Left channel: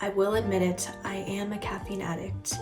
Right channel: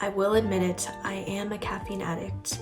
I will admit it, I am a caffeine addict.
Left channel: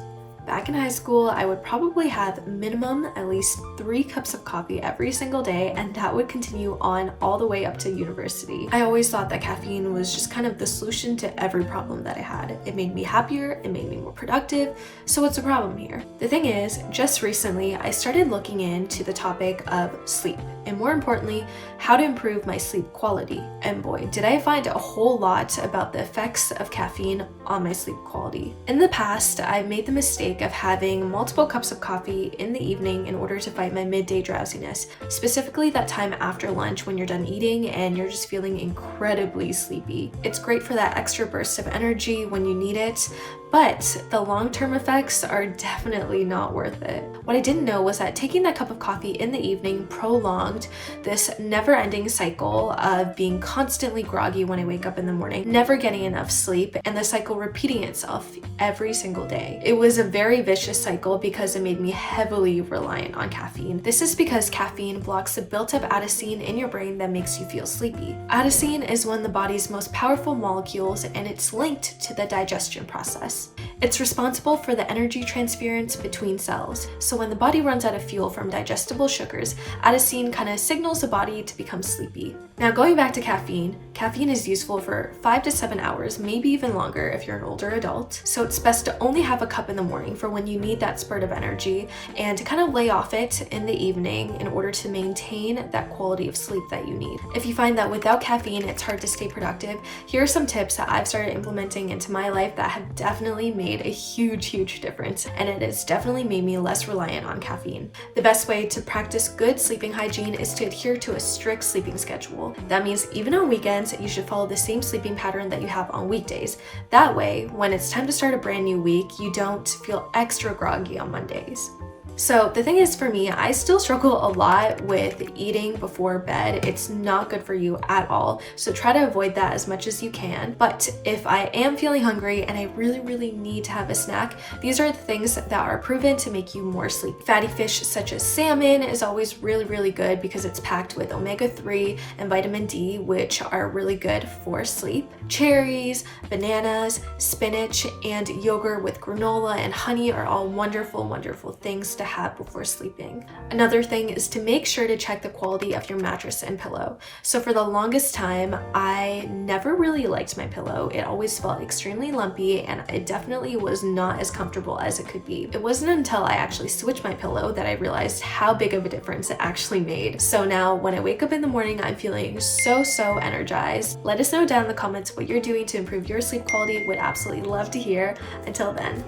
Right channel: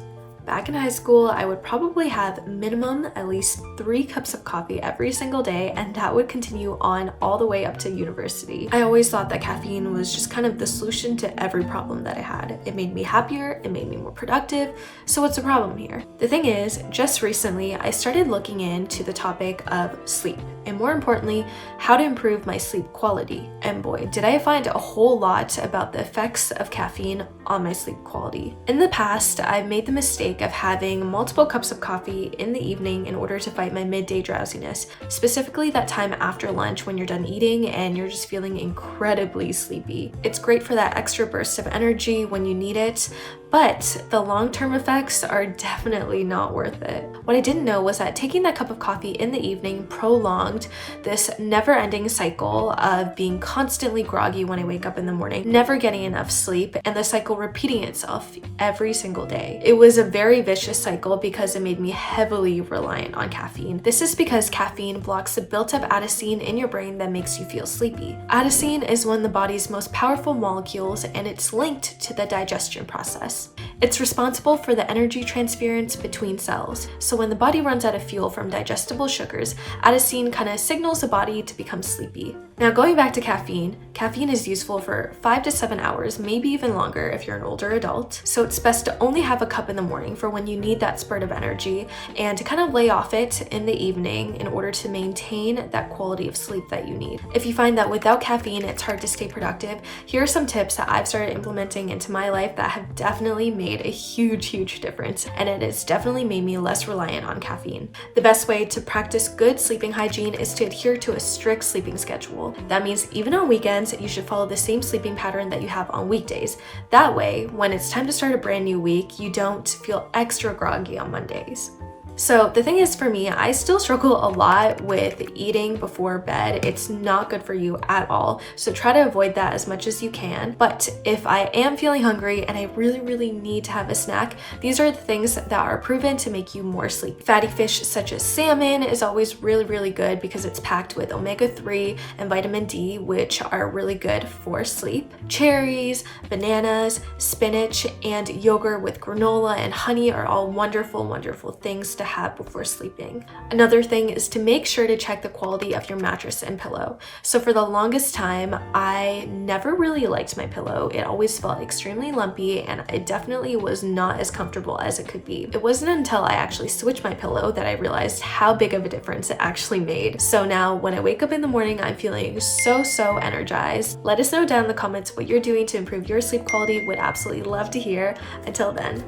Back in high school, I would probably have minimum at least 3 cups of coffee every single day, and that would continue on all the way up to university. I always thought that caffeine was just kind of the solution to every problem that I had. It made me happier, it made me more productive, so what's the problem here? The thing is, just recently, I started looking into the topic of sleep, and more importantly, how to improve my sleep quality. And boy, did I find a whole lot about the effects of caffeine on my sleep quality. In the past, I've made the mistake of having multiple cups of coffee in the evening in order to fight my midday drowsiness, specifically that time after lunch when you're done eating and you're just feeling incredibly sleepy. It's great for that extra burst of energy when you need it, but the long-term effects are definitely not worth it. What I didn't know was that taking that cup of coffee in the evening prolonged this never-ending cycle of being constantly groggy when I wake up in the morning, never getting enough sleep, and the cycle repeating itself every single day. It was a very vicious cycle because it made me heavily reliant on caffeine. This is because caffeine blocks the built-up adenosine in your brain that makes you feel sleepy. Adenosine is one of the body's most powerful molecules, and it's linked to the digestion process. It's responsible for the energy transference between cells. So when the body runs out of fuel from digestible sugars, adenosine kind of signals the body to become sleepy. Now going back to caffeine, caffeine is useful for 5 to 7 hours, maybe even longer if you're an older adult. So it's best to only have a cup in the morning for when you need that spurt of energy, and to kind of lay off it in the evening in order to maintain that quality of sleep that you need. If you find that without caffeine it's hard to stay productive, here are some tips that I've started implementing into my life that have definitely made a huge difference, and it has definitely made me less reliant on caffeine. The best way to practice good sleeping hygiene is to adhere to a strict sleeping schedule. That means even on weekends, you should follow the same sleeping pattern that you have on weekdays. That way, when it's time to start a brand new week, you don't feel extra groggy on Mondays. So the thing is, for me, I still struggle a lot with eating before bed. It's not good for you at all. So try to avoid that as much as you can. But if I am feeling hungry and I really need to have a snack, these are the things that are proven to make you more sleepy. Fatty fish such as salmon is always really good because it's packed with omega-3 and vitamin D, which are really good for sleep. Cherries, bananas, spinach, and yogurt with granola and honey are all wonderful things to have before sleeping. Another thing is to make sure to check the quality of your mattress and pillow. So for the longest time, I never really liked my pillow. It always felt extremely lumpy, and it definitely was not as comfortable as it could be. It wasn't until I actually switched my pillow that I realized how big of a difference it actually made. So now when I wake up in the morning, I'm feeling so energized. Let us know down in the comments what you're doing to improve your sleep quality. Would absolutely love to hear. Until then.